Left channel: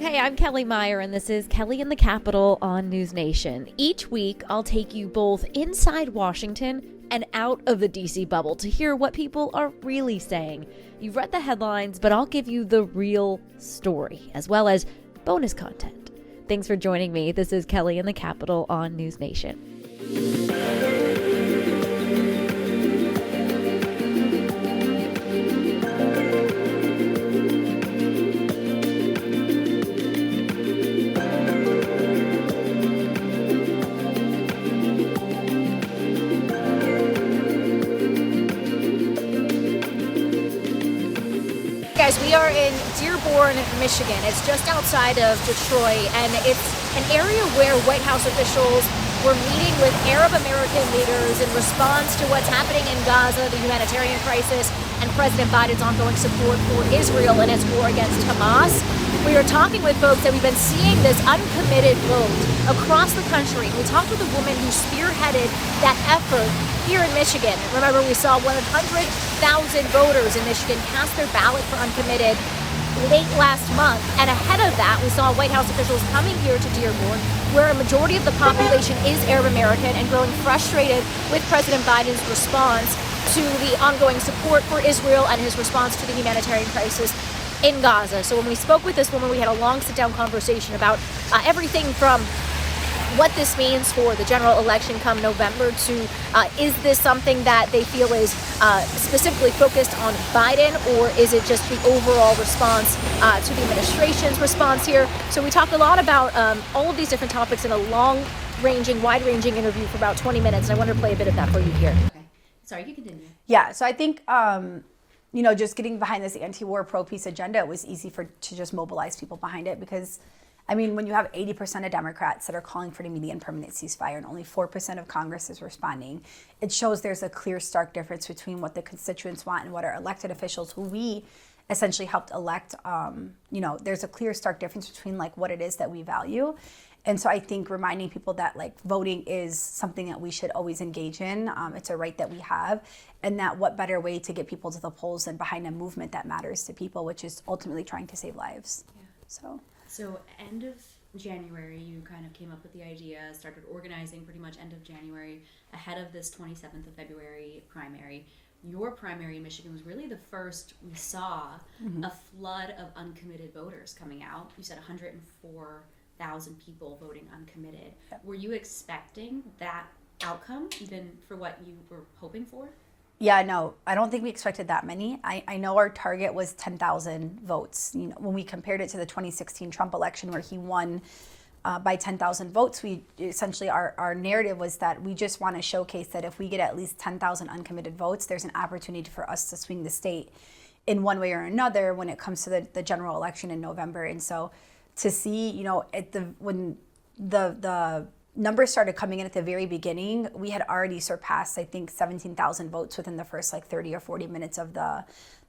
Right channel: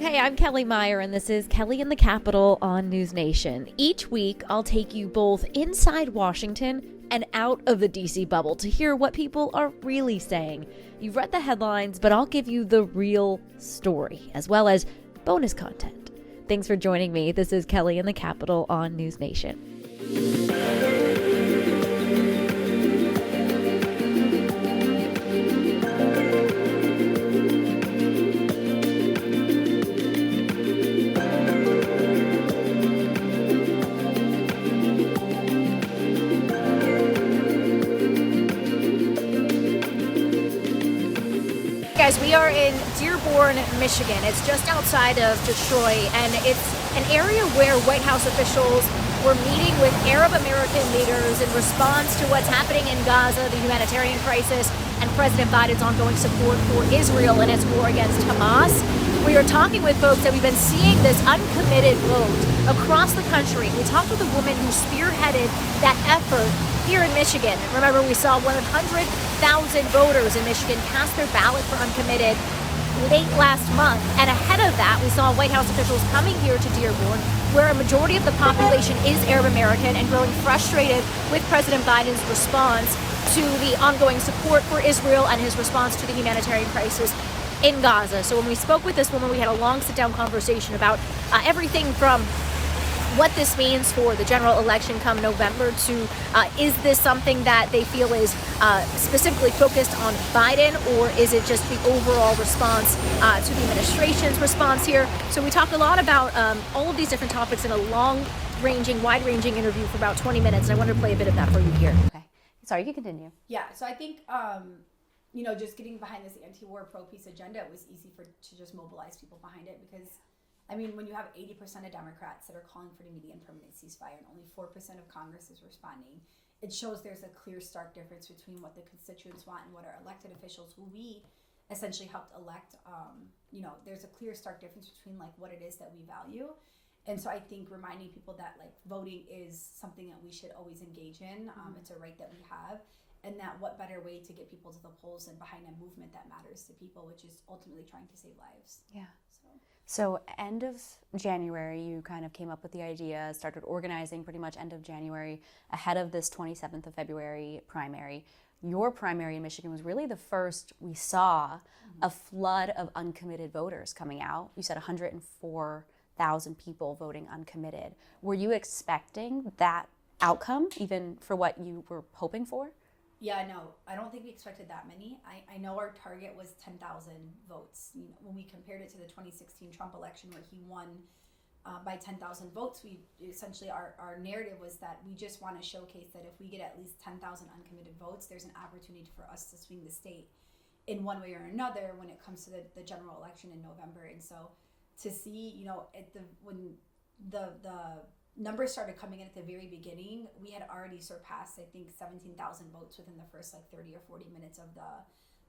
Hey, I'm Kellie Meyer, and this is Kellie in the Capitol on NewsNation. Each week, I'll take you both inside Washington and out of the DC bubble to hear what people are really saying. You've read the headlines, but I'll give you the real story, as well as bonus content. Thanks for joining me. This is Kellie in the Capitol on NewsNation. Guys, we are in Dearborn, Michigan. It's just outside of Detroit, and it's an area where White House officials were meeting with Arab American leaders in response to what's happening in Gaza, the humanitarian crisis, and President Biden's ongoing support for Israel in its war against Hamas. We are talking with folks that we've been seeing this uncommitted vote across the country. We talked with a woman who spearheaded that effort here in Michigan. Remember, we saw 100,000 voters in Michigan cast their ballot for uncommitted late last month. And ahead of that, we saw White House officials coming here to Dearborn, where a majority of the population is Arab American, and growing frustrated with President Biden's response to the ongoing support for Israel and his response to the humanitarian crisis in Gaza. So when we spoke with this woman, we had a long sit-down conversation about everything from what this means for the general election come November to is this something that they feel is specifically focused on Biden, or is it just the overall response to the administration's response here? So we talked a lot about all of these different topics in a wide-ranging interview for about 20 minutes, and I wanted to play a bit of that for you here. Okay. Sorry, you can continue. Yeah, so I think, just getting behind this anti-war, pro-peace agenda, it was easy to just mobilize people behind it because, when you have 80% of Democrats that are calling for an immediate and permanent ceasefire and only 4% of Congress is responding, it shows there's a clear, stark difference between what the constituents want and what our elected officials, who we essentially helped elect, there's a clear, stark difference between what it is that we value. And so I think reminding people that voting is something that we should always engage in. It's a right that we have. And that what better way to get people to the polls than behind a movement that matters to people, which is ultimately trying to save lives. Yeah. So end of January, you kind of came up with the idea, started organizing pretty much end of January ahead of this 27th of February primary. Your primary in Michigan was really the first we saw a flood of uncommitted voters coming out. You said 104,000 people voting uncommitted. Yep. Were you expecting that outcome, even for what you were hoping for? Yeah, no, I don't think we expected that many. I know our target was 10,000 votes. When we compared it to the 2016 Trump election where he won by 10,000 votes, we essentially, our narrative was that we just want to showcase that if we get at least 10,000 uncommitted votes, there's an opportunity for us to swing the state in one way or another when it comes to the general election in November. And so to see, when the numbers started coming in at the very beginning, we had already surpassed, I think, 17,000 votes within the first 30 or 40 minutes of the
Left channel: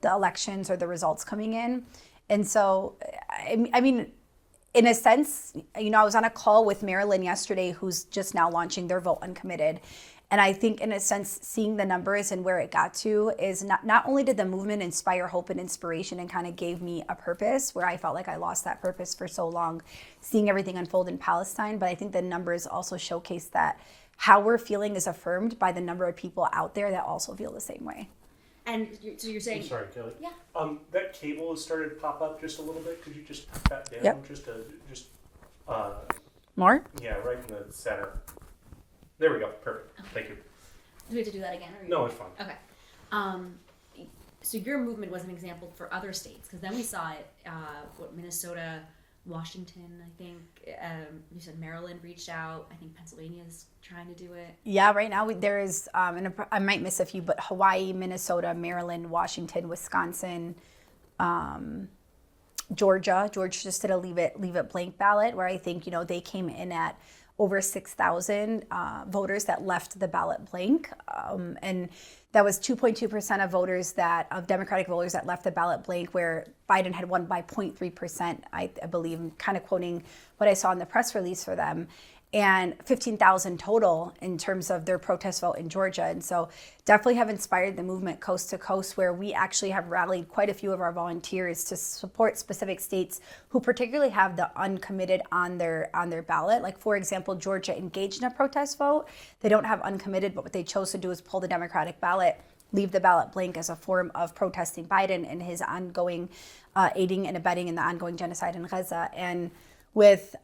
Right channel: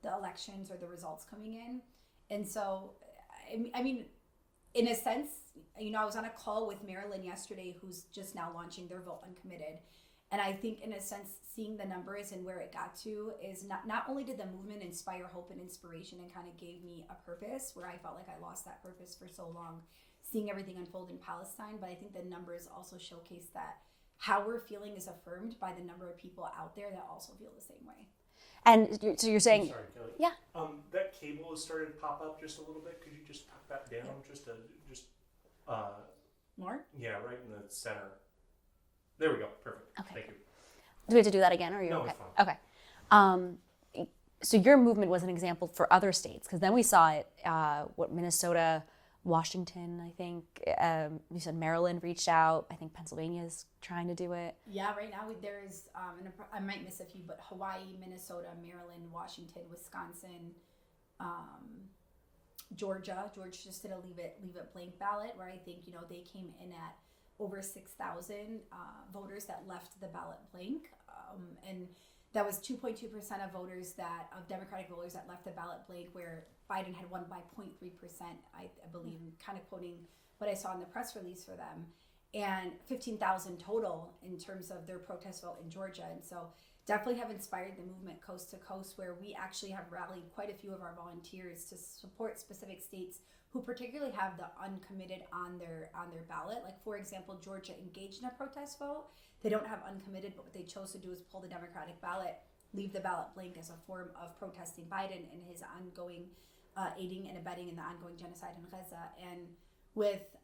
elections or the results coming in. And so, in a sense, I was on a call with Maryland yesterday, who's just now launching their vote uncommitted. And I think, in a sense, seeing the numbers and where it got to is not only did the movement inspire hope and inspiration and kind of gave me a purpose where I felt like I lost that purpose for so long, seeing everything unfold in Palestine, but I think the numbers also showcase that how we're feeling is affirmed by the number of people out there that also feel the same way. And so you're saying... I'm sorry, Kellie. Yeah. That cable has started to pop up just a little bit. Could you just put that down? Yep. More? Yeah, right in the center. There we go. Perfect. Okay. Thank you. Do we have to do that again? Or are you No, okay? it's fine. Okay. So your movement was an example for other states, because then we saw it, Minnesota, Washington, I think. You said Maryland reached out. I think Pennsylvania is trying to do it. Yeah, right now there is, and I might miss a few, but Hawaii, Minnesota, Maryland, Washington, Wisconsin, Georgia just did a leave it blank ballot, where I think, they came in at over 6,000 voters that left the ballot blank. And that was 2.2% of voters of Democratic voters that left the ballot blank, where Biden had won by 0.3%, I believe, kind of quoting what I saw in the press release for them, and 15,000 total in terms of their protest vote in Georgia. And so definitely have inspired the movement coast to coast, where we actually have rallied quite a few of our volunteers to support specific states who particularly have the uncommitted on their ballot. Like, for example, Georgia engaged in a protest vote. They don't have uncommitted, but what they chose to do is pull the Democratic ballot, leave the ballot blank as a form of protesting Biden and his ongoing aiding and abetting in the ongoing genocide in Gaza. And with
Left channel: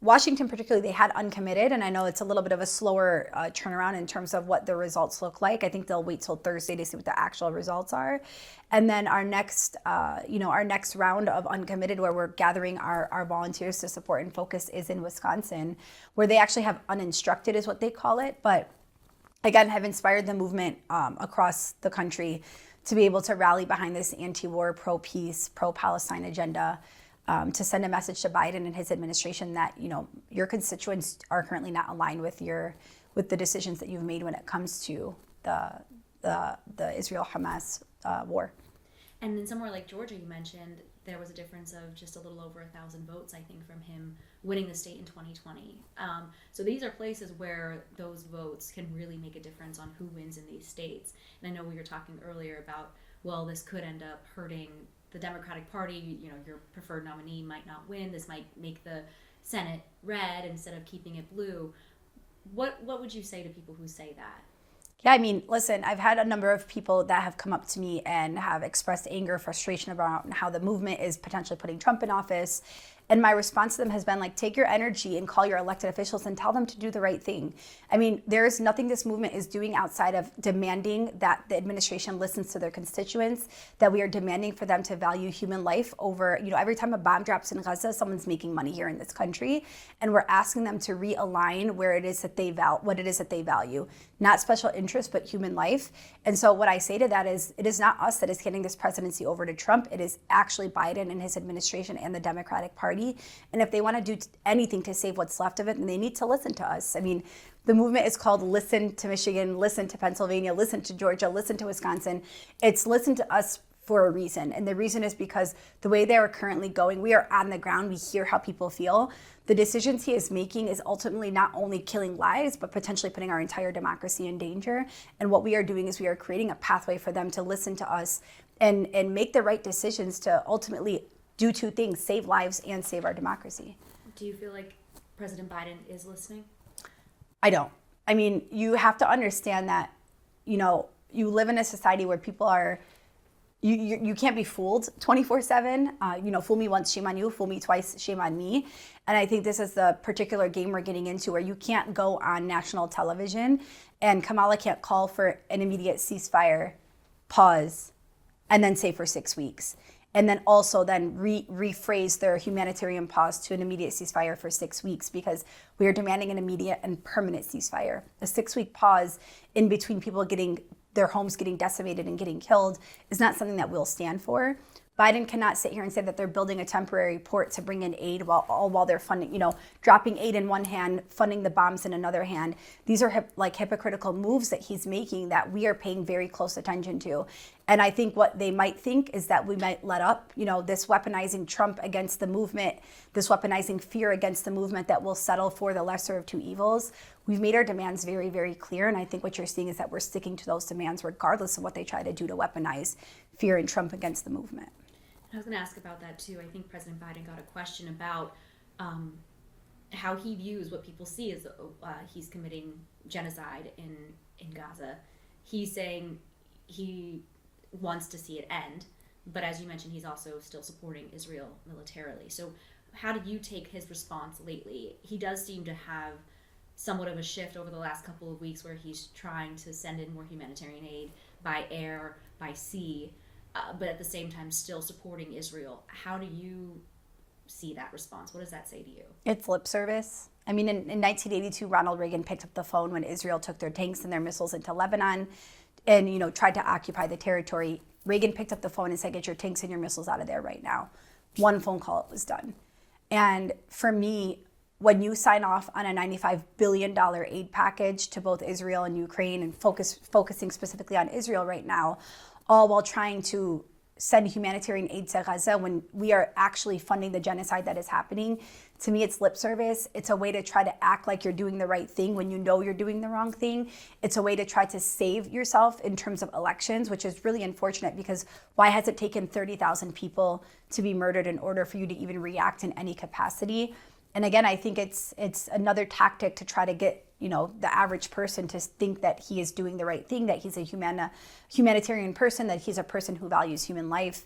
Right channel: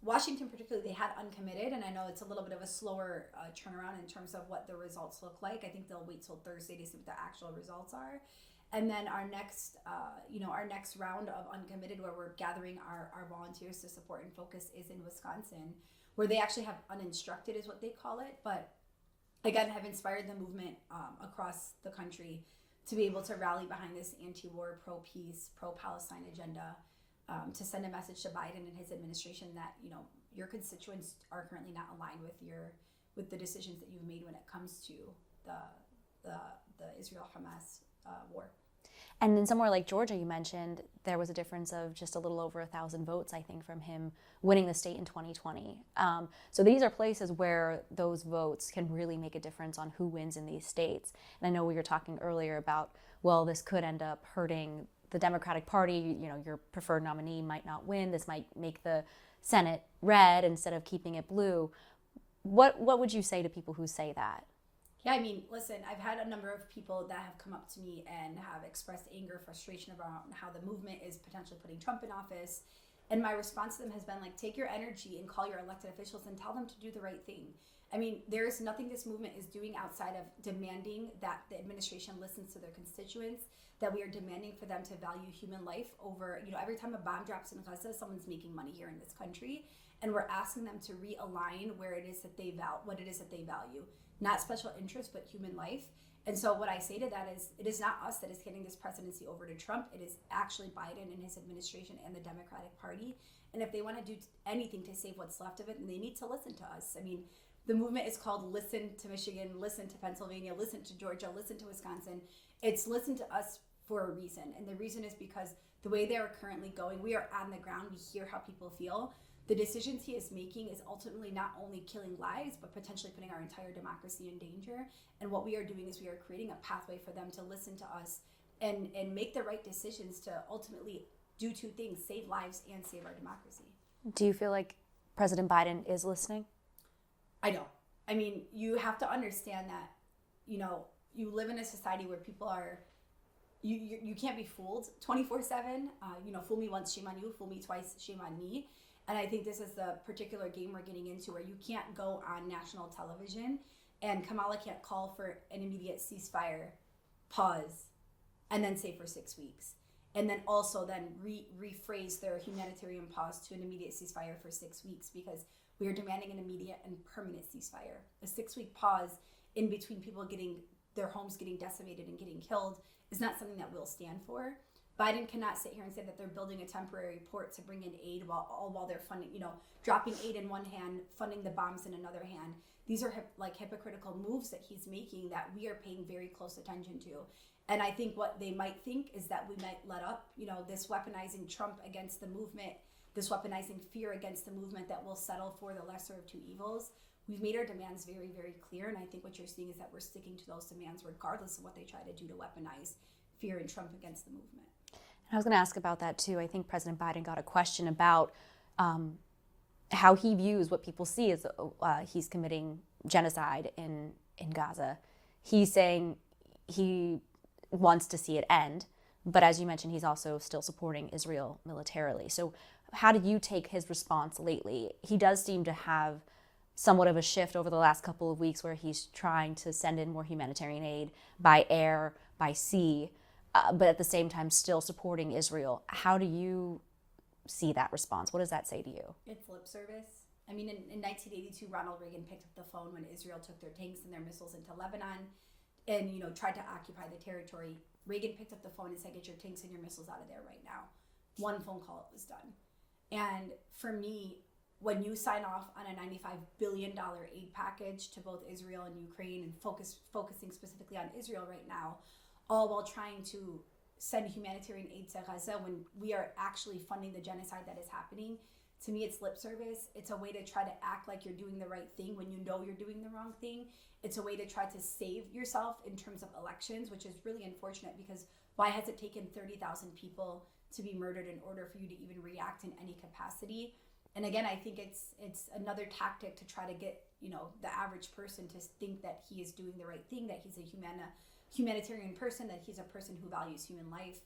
Washington particularly, they had uncommitted, and I know it's a little bit of a slower turnaround in terms of what the results look like. I think they'll wait till Thursday to see what the actual results are. And then our next round of uncommitted, where we're gathering our volunteers to support and focus, is in Wisconsin, where they actually have uninstructed, is what they call it. But again, have inspired the movement across the country to be able to rally behind this anti-war, pro-peace, pro-Palestine agenda, to send a message to Biden and his administration that, your constituents are currently not aligned with the decisions that you've made when it comes to the Israel-Hamas war. And in somewhere like Georgia, you mentioned there was a difference of just a little over 1,000 votes, I think, from him winning the state in 2020. So these are places where those votes can really make a difference on who wins in these states. And I know we were talking earlier about, well, this could end up hurting the Democratic Party. Your preferred nominee might not win. This might make the Senate red instead of keeping it blue. What would you say to people who say that? Yeah, I mean, listen, I've had a number of people that have come up to me and have expressed anger, frustration about how the movement is potentially putting Trump in office. And my response to them has been like, take your energy and call your elected officials and tell them to do the right thing. I mean, there is nothing this movement is doing outside of demanding that the administration listens to their constituents, that we are demanding for them to value human life over, every time a bomb drops in Gaza, someone's making money here in this country. And we're asking them to realign where it is that what it is that they value, not special interest, but human life. And so what I say to that is, it is not us that is handing this presidency over to Trump. It is actually Biden and his administration and the Democratic Party. And if they want to do anything to save what's left of it, then they need to listen to us. I mean, the movement is called Listen to Michigan, Listen to Pennsylvania, Listen to Georgia, Listen to Wisconsin. It's listen to us for a reason. And the reason is because the way they are currently going, we are on the ground, we hear how people feel. The decisions he is making is ultimately not only killing lives, but potentially putting our entire democracy in danger. And what we are doing is we are creating a pathway for them to listen to us and make the right decisions to ultimately do two things: save lives and save our democracy. Do you feel like President Biden is listening? I don't. I mean, you have to understand that, you live in a society where people are, you can't be fooled 24/7. Fool me once, shame on you. Fool me twice, shame on me. And I think this is the particular game we're getting into, where you can't go on national television and Kamala can't call for an immediate ceasefire, pause, and then say for 6 weeks. And then also then rephrase their humanitarian pause to an immediate ceasefire for 6 weeks, because we are demanding an immediate and permanent ceasefire. A 6-week pause in between people getting their homes getting decimated and getting killed is not something that we'll stand for. Biden cannot sit here and say that they're building a temporary port to bring in aid while they're funding, dropping aid in one hand, funding the bombs in another hand. These are hypocritical moves that he's making that we are paying very close attention to. And I think what they might think is that we might let up, this weaponizing Trump against the movement, this weaponizing fear against the movement, that will settle for the lesser of two evils. We've made our demands very, very clear. And I think what you're seeing is that we're sticking to those demands regardless of what they try to do to weaponize fear and Trump against the movement. I was going to ask about that too. I think President Biden got a question about how he views what people see as he's committing genocide in Gaza. He's saying he wants to see it end, but as you mentioned, he's also still supporting Israel militarily. So how did you take his response lately? He does seem to have somewhat of a shift over the last couple of weeks, where he's trying to send in more humanitarian aid by air, by sea, but at the same time still supporting Israel. How do you see that response? What does that say to you? It's lip service. I mean, in 1982, Ronald Reagan picked up the phone when Israel took their tanks and their missiles into Lebanon and, tried to occupy the territory. Reagan picked up the phone and said, get your tanks and your missiles out of there right now. One phone call, it was done. And for me, when you sign off on a $95 billion aid package to both Israel and Ukraine, and focusing specifically on Israel right now, all while trying to send humanitarian aid to Gaza when we are actually funding the genocide that is happening, to me, it's lip service. It's a way to try to act like you're doing the right thing when you know you're doing the wrong thing. It's a way to try to save yourself in terms of elections, which is really unfortunate, because why has it taken 30,000 people to be murdered in order for you to even react in any capacity? And again, I think it's another tactic to try to get, the average person to think that he is doing the right thing, that he's a humanitarian person, that he's a person who values human life.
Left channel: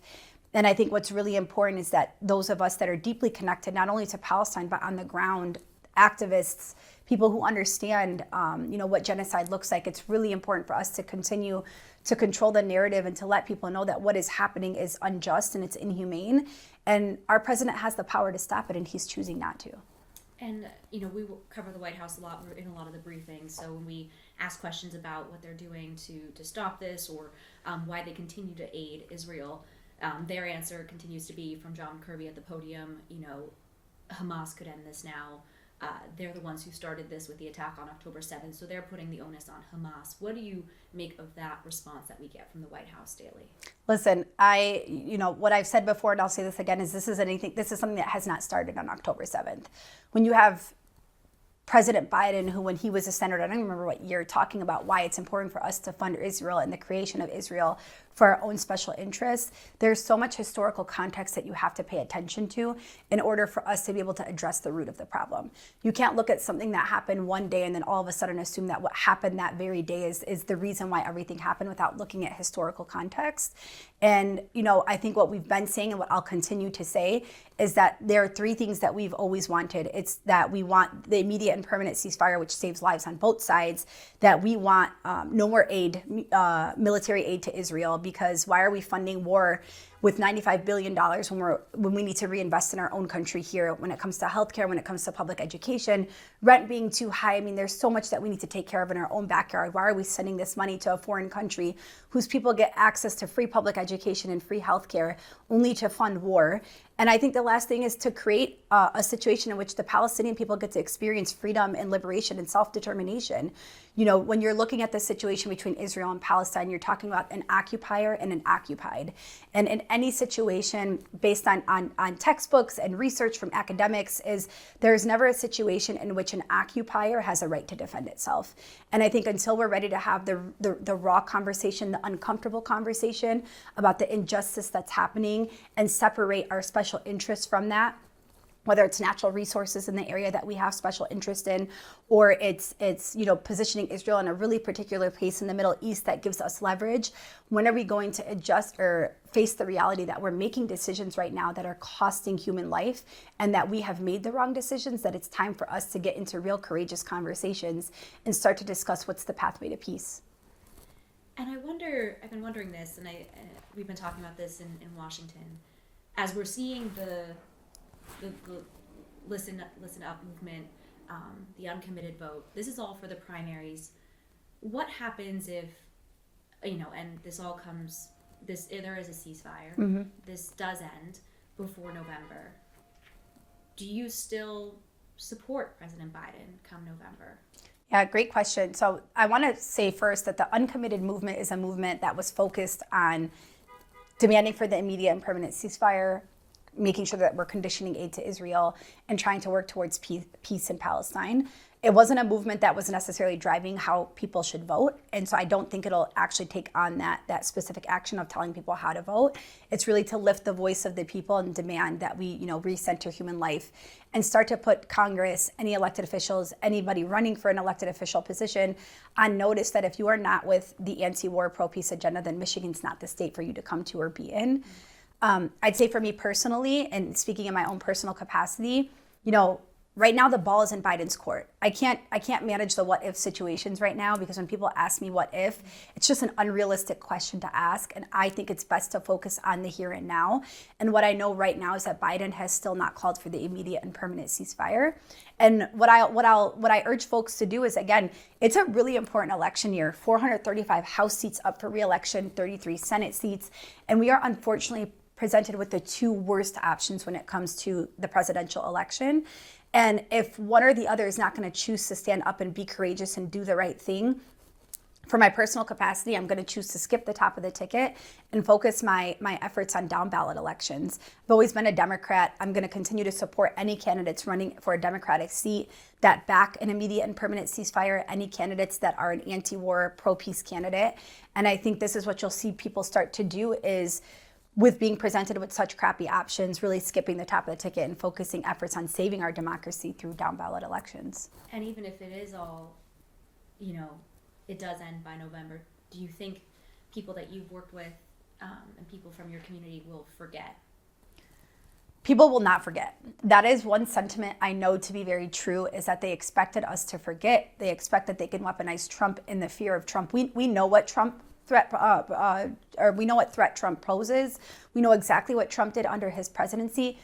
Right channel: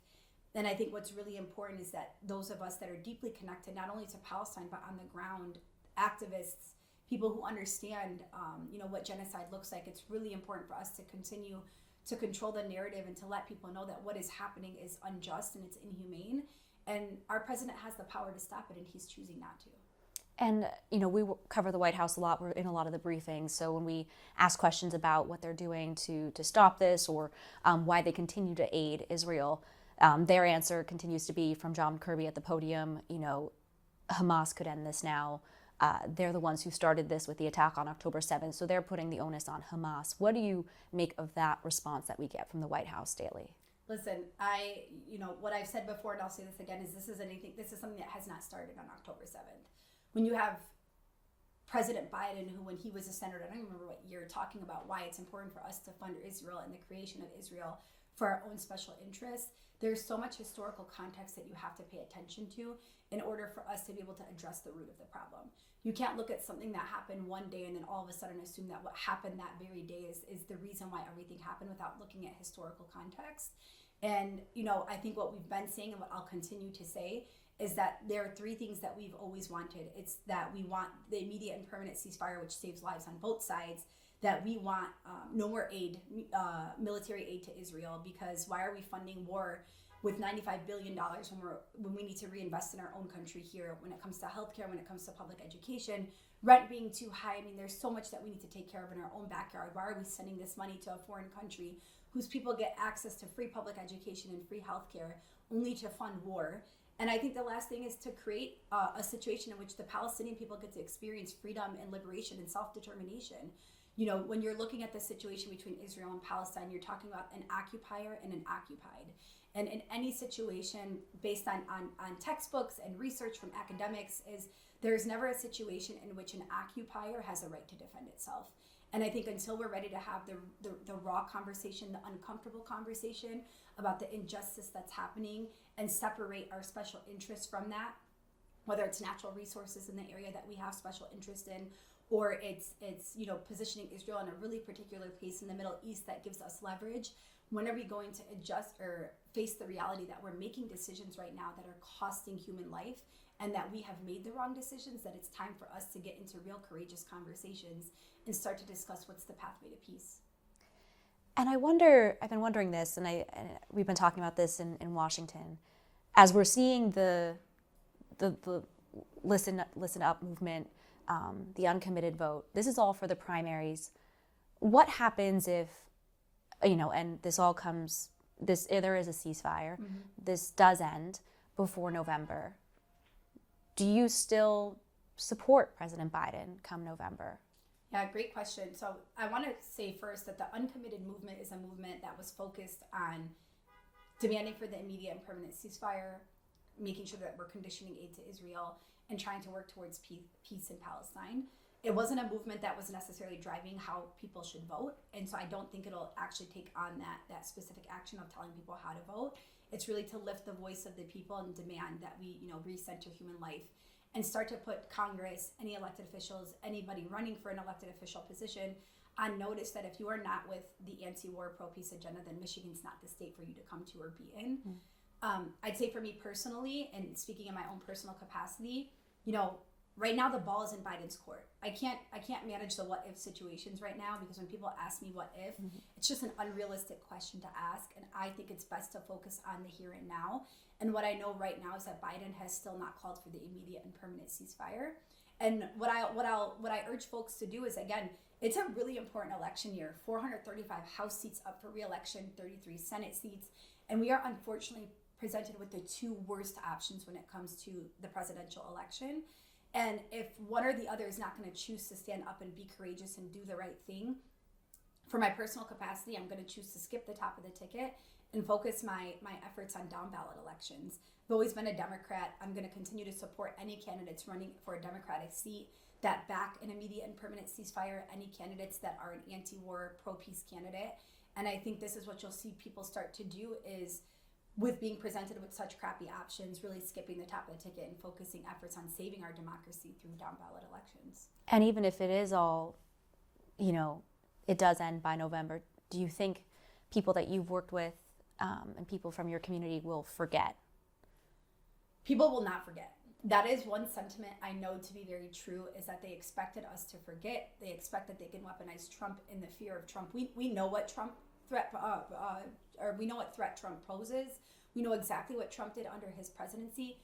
And I think what's really important is that those of us that are deeply connected, not only to Palestine, but on the ground, activists, people who understand, what genocide looks like, it's really important for us to continue to control the narrative and to let people know that what is happening is unjust and it's inhumane. And our president has the power to stop it, and he's choosing not to. And, we cover the White House a lot. We're in a lot of the briefings. So when we ask questions about what they're doing to stop this, or why they continue to aid Israel, their answer continues to be, from John Kirby at the podium, Hamas could end this now. They're the ones who started this with the attack on October 7th. So they're putting the onus on Hamas. What do you make of that response that we get from the White House daily? Listen, what I've said before, and I'll say this again, is this is something that has not started on October 7th. When you have President Biden, who, when he was a senator, I don't remember what year, talking about why it's important for us to fund Israel and the creation of Israel for our own special interests, there's so much historical context that you have to pay attention to in order for us to be able to address the root of the problem. You can't look at something that happened one day and then all of a sudden assume that what happened that very day is the reason why everything happened, without looking at historical context. And, I think what we've been saying, and what I'll continue to say, is that there are three things that we've always wanted. It's that we want the immediate and permanent ceasefire, which saves lives on both sides, that we want no more aid, military aid to Israel, because why are we funding war with $95 billion when we need to reinvest in our own country here, when it comes to healthcare, when it comes to public education, rent being too high? I mean, there's so much that we need to take care of in our own backyard. Why are we sending this money to a foreign country whose people get access to free public education and free healthcare only to fund war? And I think the last thing is to create a situation in which the Palestinian people get to experience freedom and liberation and self-determination. When you're looking at the situation between Israel and Palestine, you're talking about an occupier and an occupied. And in any situation, based on textbooks and research from academics, is there's never a situation in which an occupier has a right to defend itself. And I think until we're ready to have the raw conversation, the uncomfortable conversation about the injustice that's happening, and separate our special interests from that, whether it's natural resources in the area that we have special interest in, or it's positioning Israel in a really particular place in the Middle East that gives us leverage, when are we going to adjust or face the reality that we're making decisions right now that are costing human life, and that we have made the wrong decisions, that it's time for us to get into real courageous conversations and start to discuss what's the pathway to peace? And I've been wondering this, and we've been talking about this in Washington, as we're seeing the listen up movement, the uncommitted vote. This is all for the primaries. What happens if, and there is a ceasefire, mm-hmm. This does end before November? Do you still support President Biden come November? Yeah, great question. So I want to say first that the uncommitted movement is a movement that was focused on demanding for the immediate and permanent ceasefire, making sure that we're conditioning aid to Israel, and trying to work towards peace in Palestine. It wasn't a movement that was necessarily driving how people should vote. And so I don't think it'll actually take on that specific action of telling people how to vote. It's really to lift the voice of the people and demand that we, recenter human life and start to put Congress, any elected officials, anybody running for an elected official position on notice that if you are not with the anti-war, pro-peace agenda, then Michigan's not the state for you to come to or be in. I'd say for me personally, and speaking in my own personal capacity, right now the ball is in Biden's court. I can't manage the what if situations right now, because when people ask me what if, it's just an unrealistic question to ask. And I think it's best to focus on the here and now. And what I know right now is that Biden has still not called for the immediate and permanent ceasefire. And what I urge folks to do is, again, it's a really important election year. 435 House seats up for re-election, 33 Senate seats, and we are unfortunately presented with the two worst options when it comes to the presidential election. And if one or the other is not going to choose to stand up and be courageous and do the right thing, for my personal capacity, I'm going to choose to skip the top of the ticket and focus my efforts on down ballot elections. I've always been a Democrat. I'm going to continue to support any candidates running for a Democratic seat that back an immediate and permanent ceasefire, any candidates that are an anti-war, pro-peace candidate. And I think this is what you'll see people start to do is, with being presented with such crappy options, really skipping the top of the ticket and focusing efforts on saving our democracy through down ballot elections. And even if it is all, it does end by November, do you think people that you've worked with and people from your community will forget? People will not forget. That is one sentiment I know to be very true, is that they expected us to forget. They expect that they can weaponize Trump in the fear of Trump. We know what Trump threat, we know what threat Trump poses. We know exactly what Trump did under his presidency,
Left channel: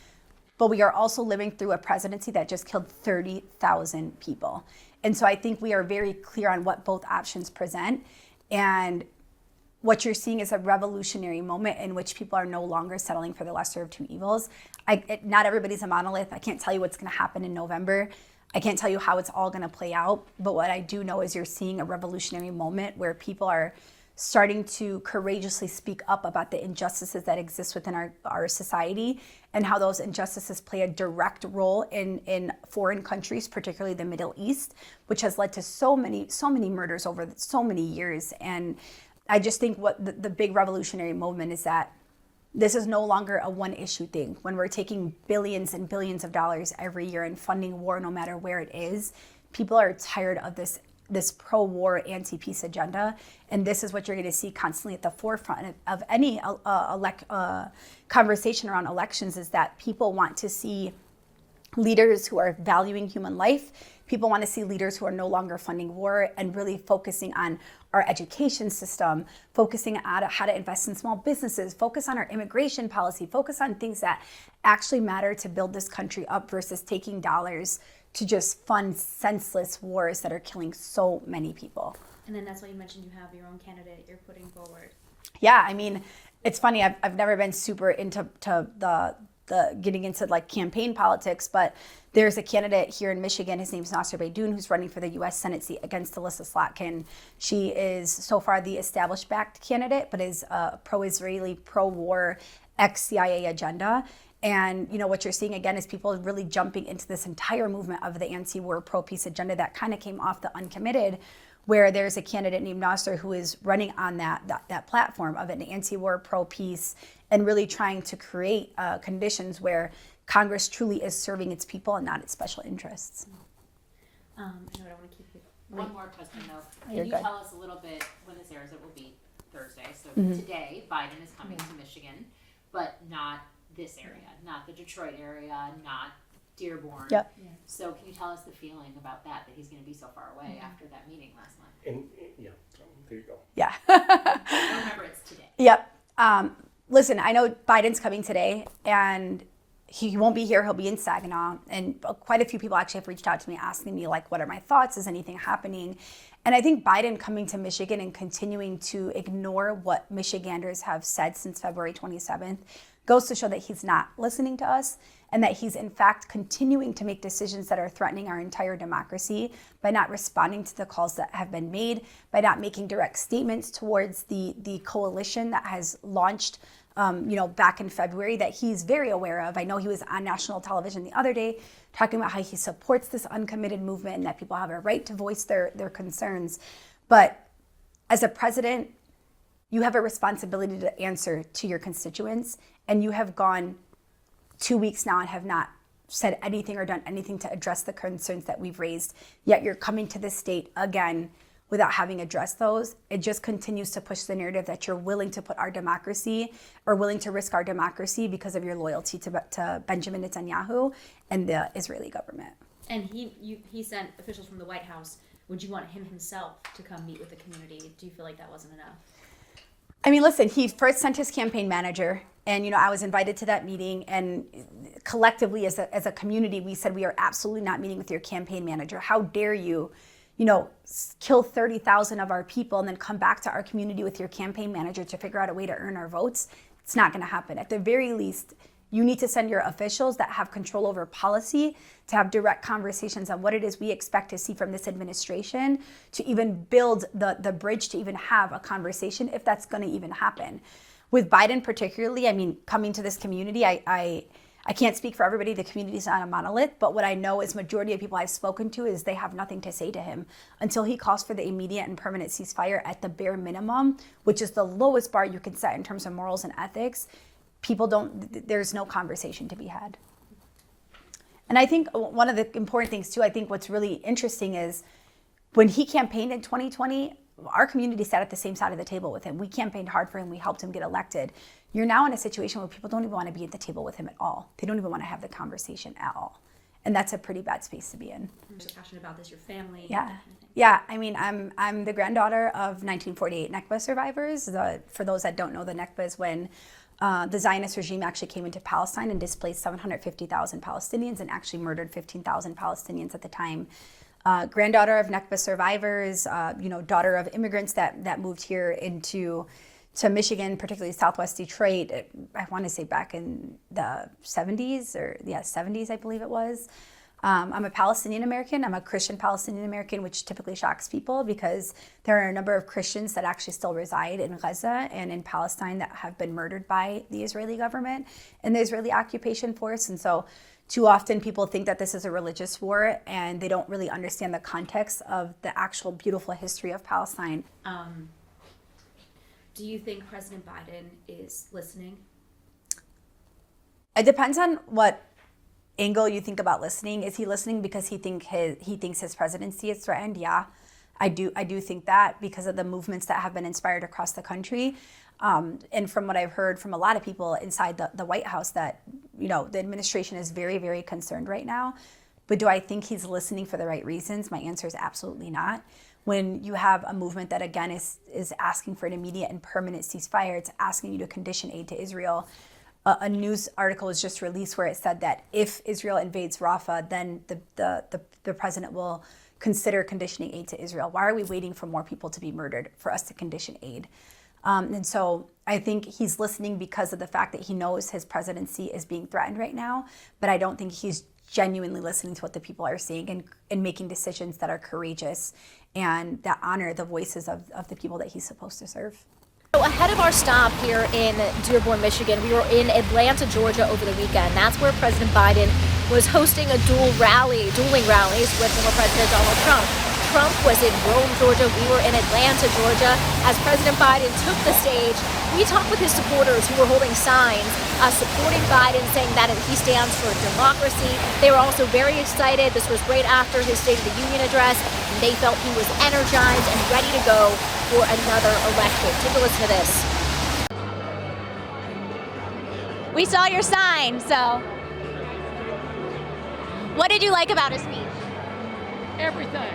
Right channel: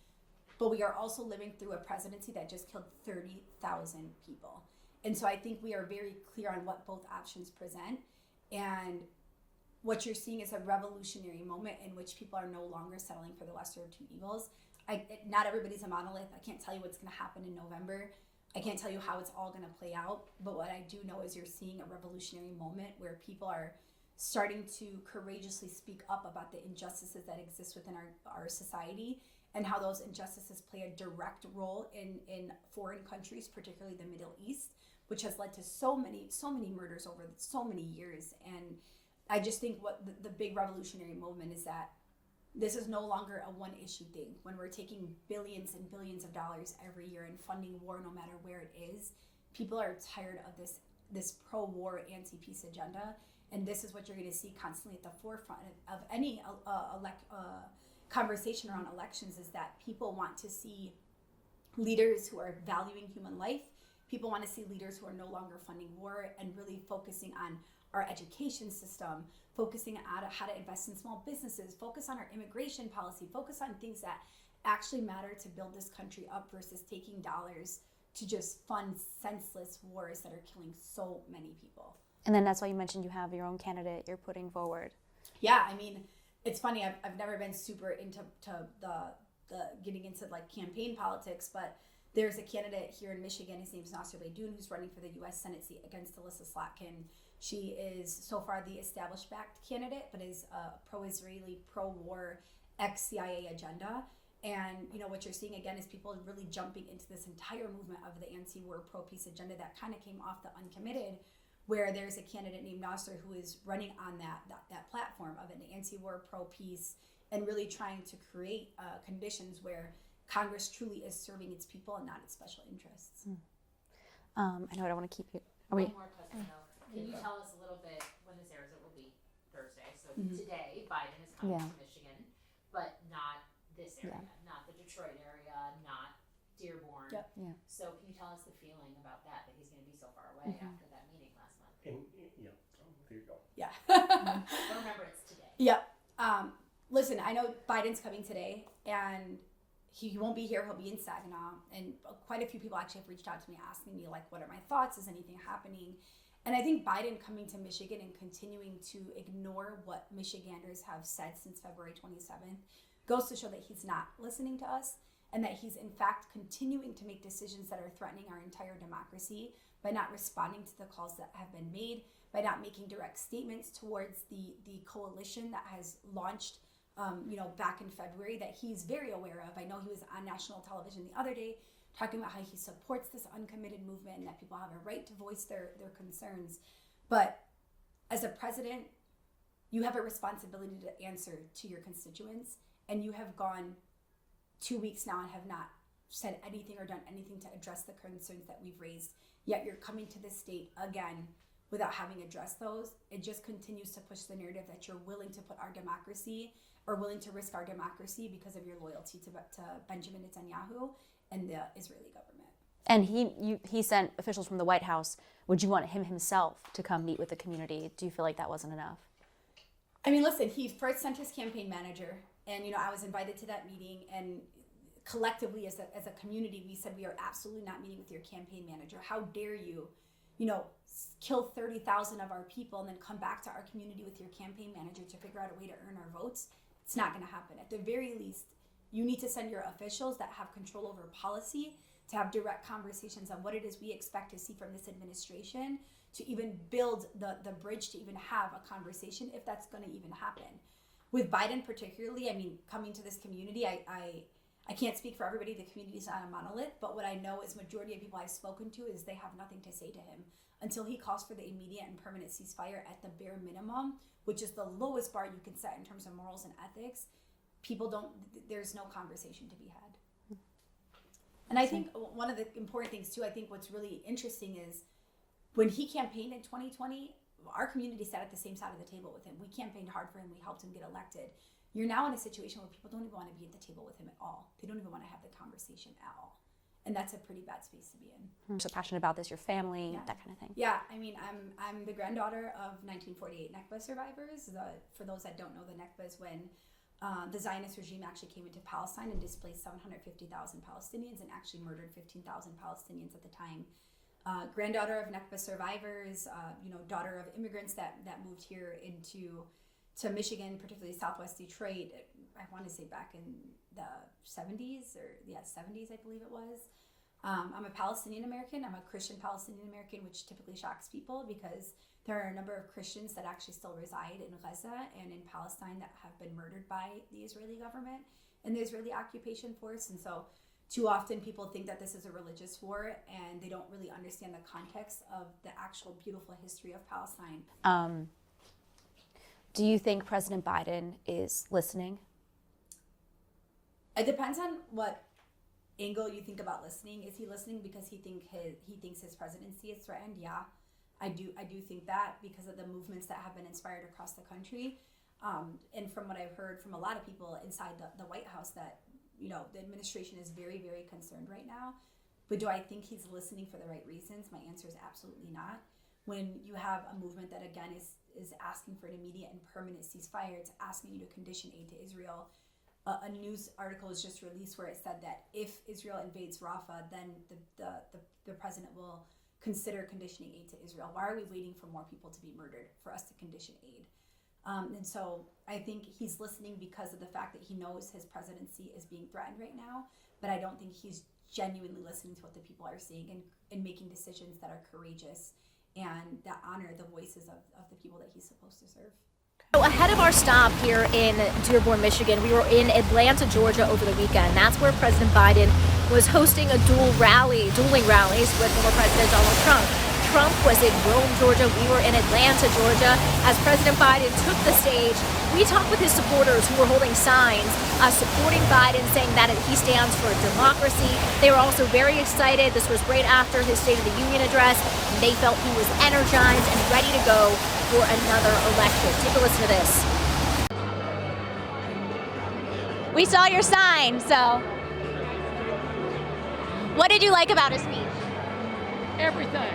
but we are also living through a presidency that just killed 30,000 people. And so I think we are very clear on what both options present. And what you're seeing is a revolutionary moment in which people are no longer settling for the lesser of two evils. Not everybody's a monolith. I can't tell you what's going to happen in November. I can't tell you how it's all going to play out. But what I do know is you're seeing a revolutionary moment where people are starting to courageously speak up about the injustices that exist within our society, and how those injustices play a direct role in foreign countries, particularly the Middle East, which has led to so many murders over so many years. And I just think what the big revolutionary movement is that this is no longer a one issue thing. When we're taking billions and billions of dollars every year and funding war no matter where it is, people are tired of this pro-war, anti-peace agenda. And this is what you're going to see constantly at the forefront of any conversation around elections, is that people want to see leaders who are valuing human life. People want to see leaders who are no longer funding war and really focusing on our education system, focusing on how to invest in small businesses, focus on our immigration policy, focus on things that actually matter to build this country up, versus taking dollars to just fund senseless wars that are killing so many people. And then that's why you mentioned you have your own candidate you're putting forward. Yeah, I mean, it's funny. I've never been super into the getting into like campaign politics, but there's a candidate here in Michigan. His name's Nasser Beydoun, who's running for the U.S. Senate seat against Alyssa Slotkin. She is so far the established-backed candidate, but is a pro-Israeli, pro-war, ex-CIA agenda. And what you're seeing again is people really jumping into this entire movement of the anti-war, pro-peace agenda that kind of came off the uncommitted, where there's a candidate named Nasser who is running on that platform of an anti-war, pro-peace, and really trying to create conditions where Congress truly is serving its people and not its special interests. I know I don't want to keep it. One more question though. Can You're you good. tell us a little bit when this airs? It will be Thursday. So today, Biden is coming to Michigan, but not this area, not the Detroit area, not Dearborn. Yep. Yeah. So can you tell us the feeling about that he's going to be so far away after that meeting last month? And there you go. Yeah. Remember, it's today. Yep. Listen, I know Biden's coming today, and he won't be here. He'll be in Saginaw. And quite a few people actually have reached out to me asking me, like, what are my thoughts? Is anything happening? And I think Biden coming to Michigan and continuing to ignore what Michiganders have said since February 27th goes to show that he's not listening to us, and that he's in fact continuing to make decisions that are threatening our entire democracy by not responding to the calls that have been made, by not making direct statements towards the coalition that has launched back in February, that he's very aware of. I know he was on national television the other day talking about how he supports this uncommitted movement and that people have a right to voice their concerns. But as a president, you have a responsibility to answer to your constituents, and you have gone 2 weeks now and have not said anything or done anything to address the concerns that we've raised, yet you're coming to this state again without having addressed those. It just continues to push the narrative that you're willing to put our democracy, or willing to risk our democracy because of your loyalty to Benjamin Netanyahu and the Israeli government. And he sent officials from the White House. Would you want him himself to come meet with the community? Do you feel like that wasn't enough? I mean, listen, he first sent his campaign manager, and I was invited to that meeting, and collectively as a community, we said we are absolutely not meeting with your campaign manager. How dare you, kill 30,000 of our people and then come back to our community with your campaign manager to figure out a way to earn our votes? It's not going to happen. At the very least, You need to send your officials that have control over policy to have direct conversations on what it is we expect to see from this administration to even build the bridge to even have a conversation, if that's going to even happen. With Biden particularly, I mean, coming to this community, I can't speak for everybody. The community is not a monolith, but what I know is majority of people I've spoken to is they have nothing to say to him until he calls for the immediate and permanent ceasefire at the bare minimum, which is the lowest bar you can set in terms of morals and ethics. There's no conversation to be had. And I think one of the important things too, I think what's really interesting is when he campaigned in 2020, our community sat at the same side of the table with him. We campaigned hard for him. We helped him get elected. You're now in a situation where people don't even want to be at the table with him at all. They don't even want to have the conversation at all. And that's a pretty bad space to be in. I'm so passionate about this, your family, Yeah. that kind of thing. Yeah, I mean, I'm the granddaughter of 1948 Nakba survivors. For those that don't know, the Nakba is when the Zionist regime actually came into Palestine and displaced 750,000 Palestinians and actually murdered 15,000 Palestinians at the time. Granddaughter of Nakba survivors, daughter of immigrants that moved here to Michigan, particularly Southwest Detroit, I want to say back in the 70s, I believe it was. I'm a Palestinian American. I'm a Christian Palestinian American, which typically shocks people because there are a number of Christians that actually still reside in Gaza and in Palestine that have been murdered by the Israeli government and the Israeli occupation force. And so too often people think that this is a religious war and they don't really understand the context of the actual beautiful history of Palestine. Do you think President Biden is listening? It depends on what angle you think about listening. Is he listening because he thinks his presidency is threatened? Yeah, I do think that because of the movements that have been inspired across the country. And from what I've heard from a lot of people inside the White House that, the administration is very, very concerned right now. But do I think he's listening for the right reasons? My answer is absolutely not. When you have a movement that, again, is asking for an immediate and permanent ceasefire, it's asking you to condition aid to Israel. A news article was just released where it said that if Israel invades Rafah, then the president will consider conditioning aid to Israel. Why are we waiting for more people to be murdered for us to condition aid? And so I think he's listening because of the fact that he knows his presidency is being threatened right now, but I don't think he's genuinely listening to what the people are saying and making decisions that are courageous and that honor the voices of the people that he's supposed to serve. So ahead of our stop here in Dearborn, Michigan, we were in Atlanta, Georgia over the weekend. That's where President Biden was hosting a dueling rallies with former President Donald Trump. Trump was in Rome, Georgia. We were in Atlanta, Georgia. As President Biden took the stage, we talked with his supporters who were holding signs supporting Biden, saying that he stands for democracy. They were also very excited. This was right after his State of the Union address. And they felt he was energized and ready to go for another election. Take a listen to this. We saw your sign, so what did you like about his speech? Everything.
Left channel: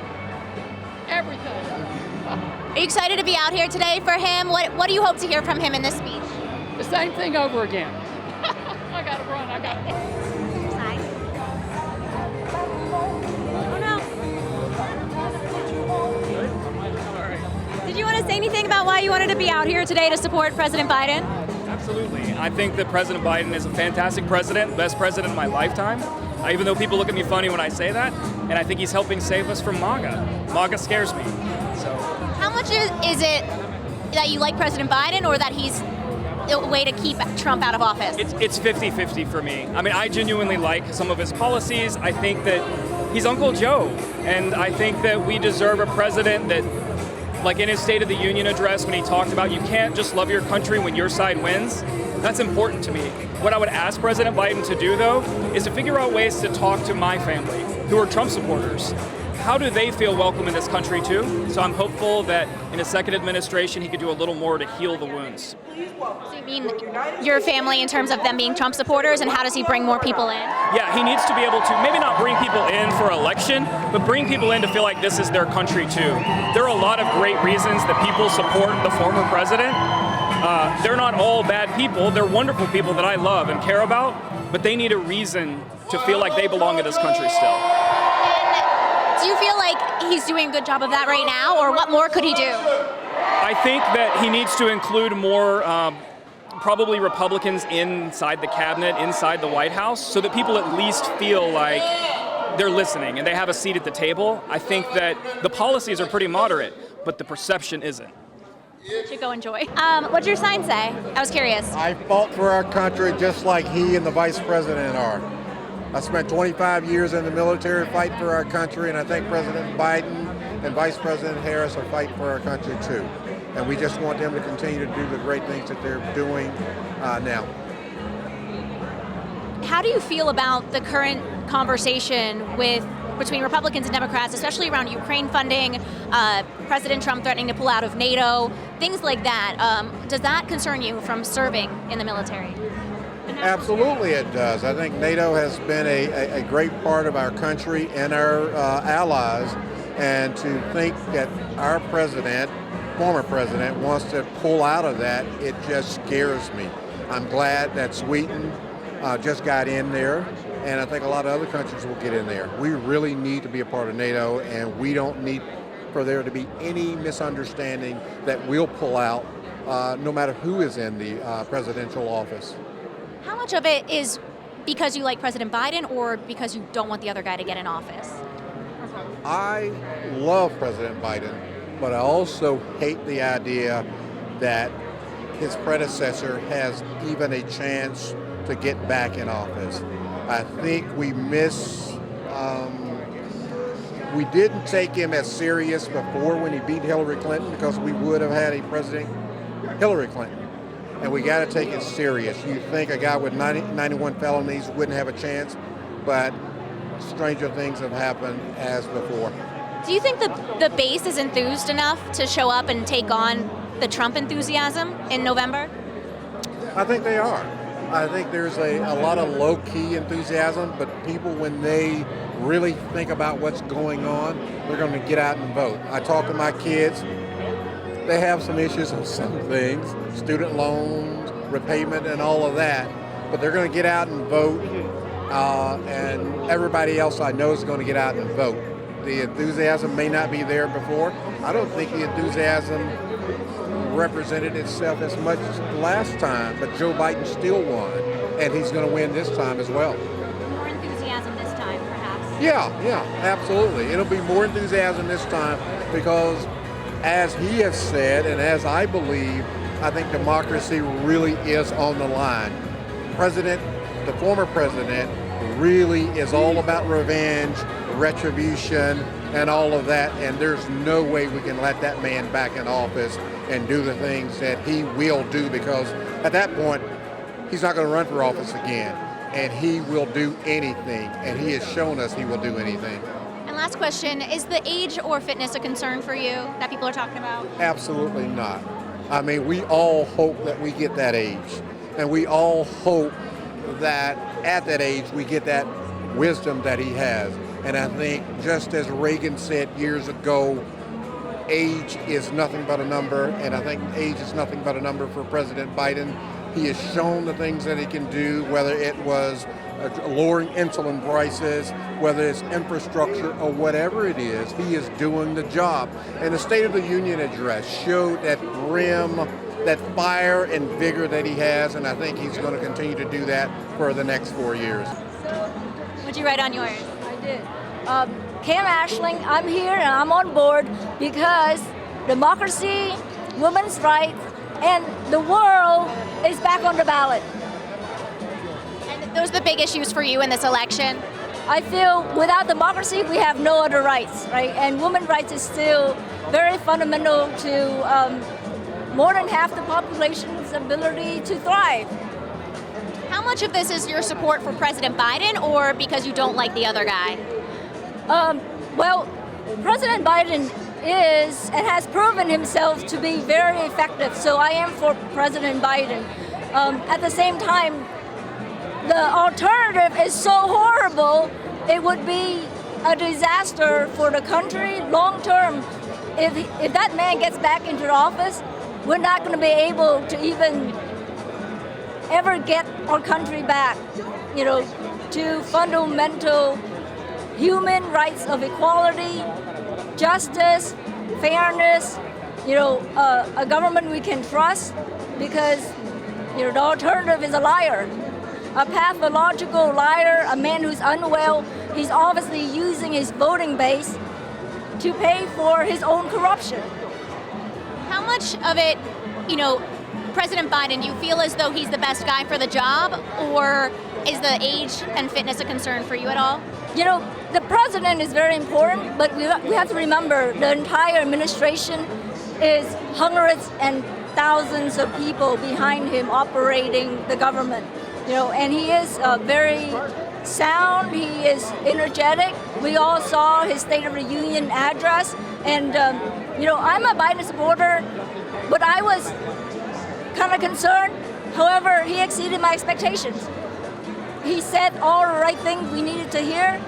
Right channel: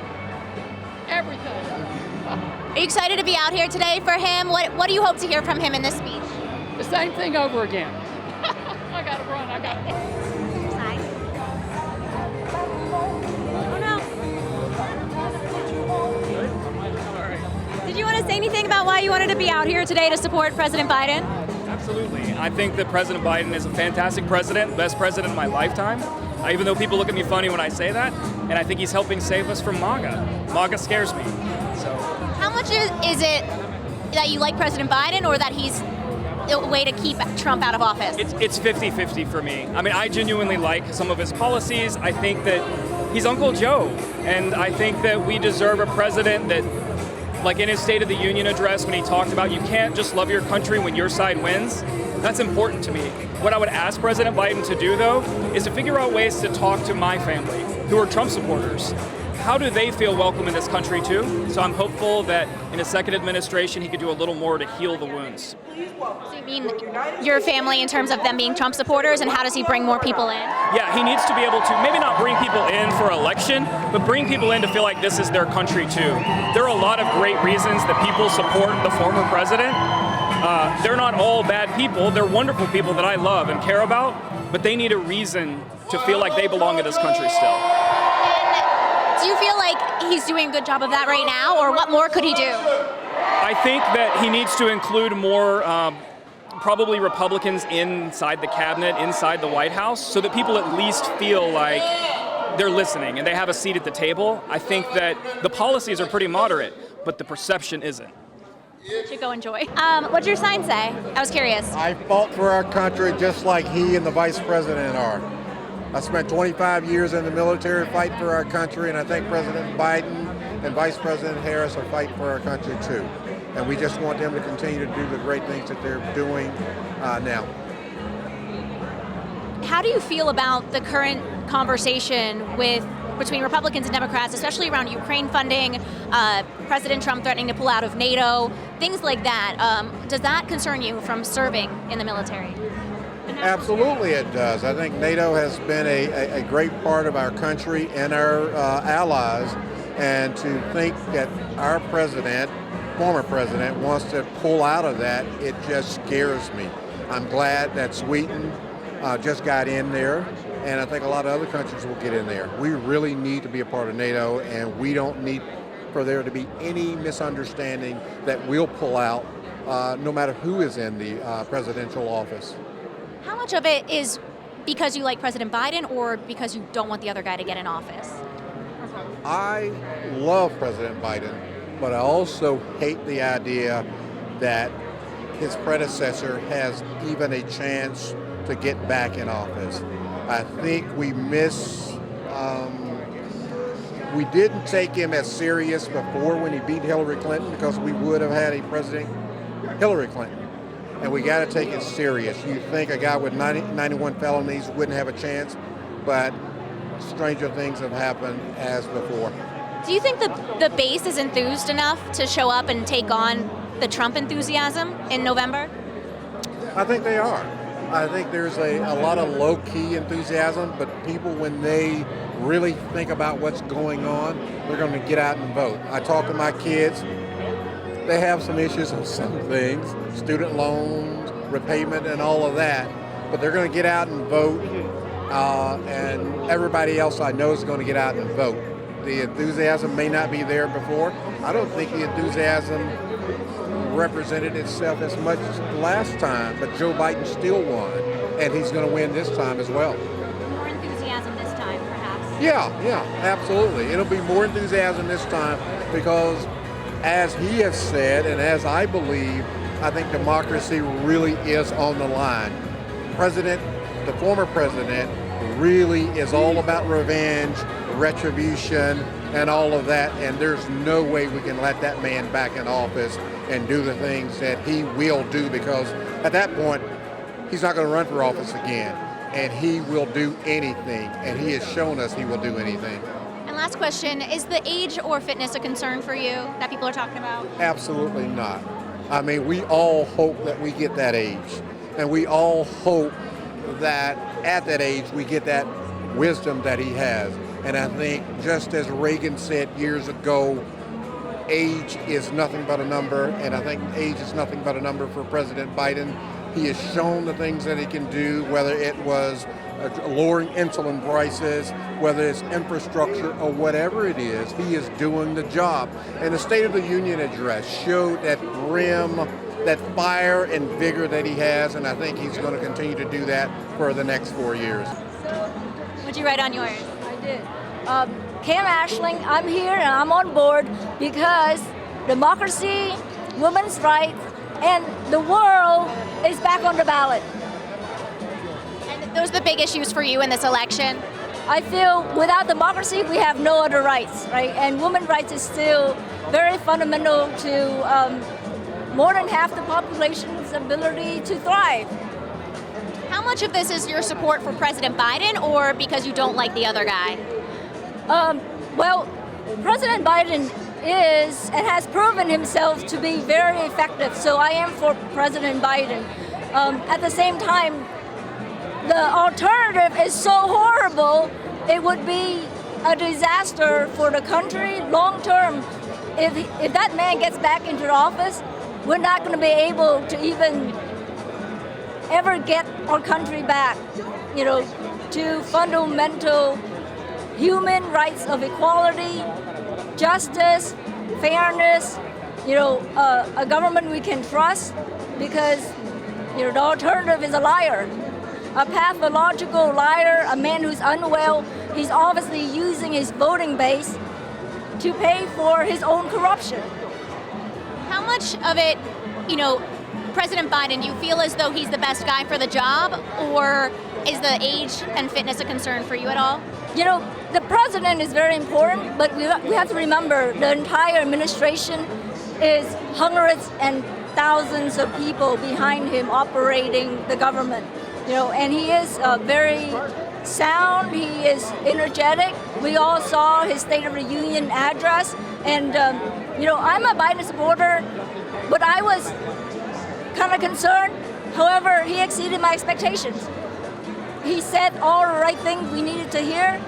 Are you excited to be out here today for him? What do you hope to hear from him in this speech? The same thing over again. I gotta run. Sign. Oh no. Did you want to say anything about why you wanted to be out here today to support President Biden? Absolutely. I think that President Biden is a fantastic president, best president of my lifetime. Even though people look at me funny when I say that, and I think he's helping save us from MAGA. MAGA scares me. So, How much is it that you like President Biden or that he's a way to keep Trump out of office? it's 50-50 for me. I mean, I genuinely like some of his policies. I think that he's Uncle Joe, and I think that we deserve a president that, like in his State of the Union address when he talked about you can't just love your country when your side wins. That's important to me. What I would ask President Biden to do, though, is to figure out ways to talk to my family, who are Trump supporters. How do they feel welcome in this country, too? So I'm hopeful that in his second administration, he could do a little more to heal the wounds. So you mean your family in terms of them being Trump supporters, and how does he bring more people in? Yeah, he needs to be able to maybe not bring people in for election, but bring people in to feel like this is their country, too. There are a lot of great reasons that people support the former president. They're not all bad people. They're wonderful people that I love and care about, but they need a reason to feel like they belong in this country still. And do you feel like he's doing a good job of that right now, or what more could he do? I think that he needs to include more probably Republicans inside the cabinet, inside the White House, so that people at least feel like they're listening and they have a seat at the table. I think that the policies are pretty moderate, but the perception isn't. You should go enjoy. What's your sign say? I was curious. I fought for our country just like he and the vice president are. I spent 25 years in the military fighting for our country, and I think President Biden and Vice President Harris are fighting for our country too. And we just want them to continue to do the great things that they're doing now. How do you feel about the current conversation between Republicans and Democrats, especially around Ukraine funding, President Trump threatening to pull out of NATO, things like that? Does that concern you from serving in the military? Absolutely it does. I think NATO has been a great part of our country and our allies, and to think that our president, former president, wants to pull out of that, it just scares me. I'm glad that Sweden just got in there, and I think a lot of other countries will get in there. We really need to be a part of NATO, and we don't need for there to be any misunderstanding that we'll pull out no matter who is in the presidential office. How much of it is because you like President Biden or because you don't want the other guy to get in office? I love President Biden, but I also hate the idea that his predecessor has even a chance to get back in office. I think we we didn't take him as serious before when he beat Hillary Clinton, because we would have had a President Hillary Clinton. And we got to take it serious. You think a guy with 91 felonies wouldn't have a chance, but stranger things have happened as before. Do you think the base is enthused enough to show up and take on the Trump enthusiasm in November? I think they are. I think there's a lot of low-key enthusiasm, but people, when they really think about what's going on, they're going to get out and vote. I talk to my kids. They have some issues on some things, student loans, repayment, and all of that, but they're going to get out and vote, and everybody else I know is going to get out and vote. The enthusiasm may not be there before. I don't think the enthusiasm represented itself as much last time, but Joe Biden still won, and he's going to win this time as well. More enthusiasm this time, perhaps? Yeah, absolutely. It'll be more enthusiasm this time because, as he has said, and as I believe, I think democracy really is on the line. The former president, really is all about revenge, retribution, and all of that, and there's no way we can let that man back in office and do the things that he will do, because at that point, he's not going to run for office again, and he will do anything, and he has shown us he will do anything. And last question, is the age or fitness a concern for you that people are talking about? Absolutely not. I mean, we all hope that we get that age, and we all hope that at that age we get that wisdom that he has. And I think, just as Reagan said years ago, age is nothing but a number, and I think age is nothing but a number for President Biden. He has shown the things that he can do, whether it was lowering insulin prices, whether it's infrastructure or whatever it is, he is doing the job. And the State of the Union address showed that brim, that fire and vigor that he has, and I think he's going to continue to do that for the next 4 years. What'd you write on yours? I did. Cam Ashling, I'm here and I'm on board because democracy, women's rights, and the world is back on the ballot. And those are the big issues for you in this election? I feel without democracy, we have no other rights, right? And women's rights is still very fundamental to more than half the population's ability to thrive. How much of this is your support for President Biden, or because you don't like the other guy? Well, President Biden is and has proven himself to be very effective, so I am for President Biden. At the same time, the alternative is so horrible, it would be a disaster for the country long term. If that man gets back into office, we're not going to be able to even ever get our country back, to fundamental human rights of equality, justice, fairness, a government we can trust, because You know, the alternative is a liar, a pathological liar, a man who's unwell. He's obviously using his voting base to pay for his own corruption. How much of it, President Biden, you feel as though he's the best guy for the job, or is the age and fitness a concern for you at all? You know, the president is very important, but we have to remember the entire administration is hundreds and thousands of people behind him operating the government. And he is very sound, he is energetic. We all saw his State of the Union address, and I'm a Biden supporter, but I was kind of concerned. However, he exceeded my expectations. He said all the right things we needed to hear.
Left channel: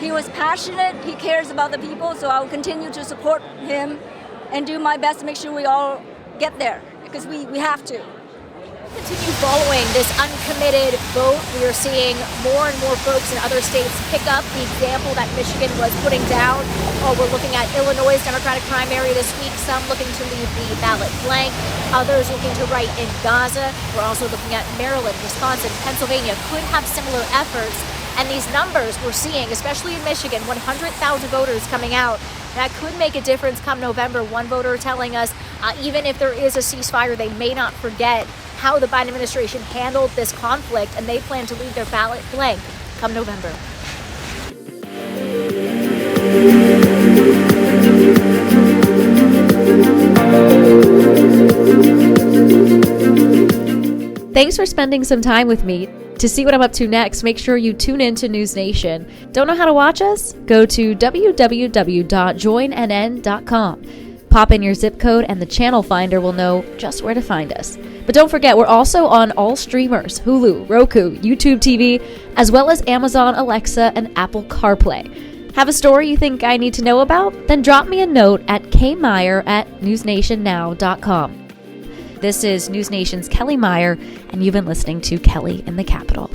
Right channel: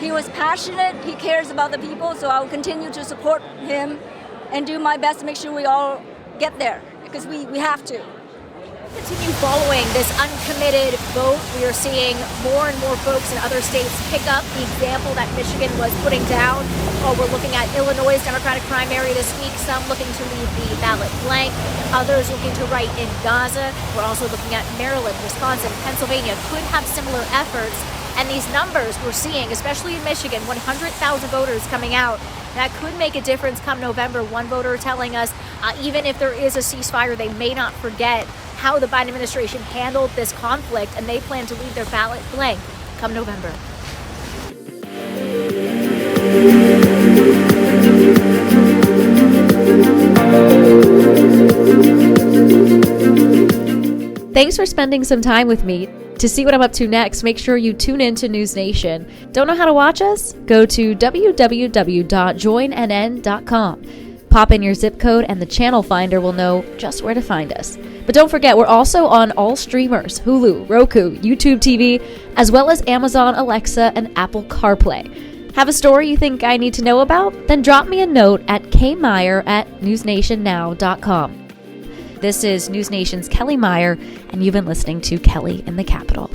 He was passionate, he cares about the people, so I will continue to support him and do my best to make sure we all get there, because we have to. Continue following this uncommitted vote. We are seeing more and more folks in other states pick up the example that Michigan was putting down. We're looking at Illinois' Democratic primary this week, some looking to leave the ballot blank, others looking to write in Gaza. We're also looking at Maryland, Wisconsin, Pennsylvania could have similar efforts. And these numbers we're seeing, especially in Michigan, 100,000 voters coming out, that could make a difference come November. One voter telling us even if there is a ceasefire, they may not forget how the Biden administration handled this conflict, and they plan to leave their ballot blank come November. Thanks for spending some time with me. To see what I'm up to next, make sure you tune in to NewsNation. Don't know how to watch us? Go to www.joinnn.com. Pop in your zip code and the channel finder will know just where to find us. But don't forget, we're also on all streamers, Hulu, Roku, YouTube TV, as well as Amazon Alexa and Apple CarPlay. Have a story you think I need to know about? Then drop me a note at kmeyer@newsnationnow.com. This is NewsNation's Kellie Meyer, and you've been listening to Kellie in the Capitol.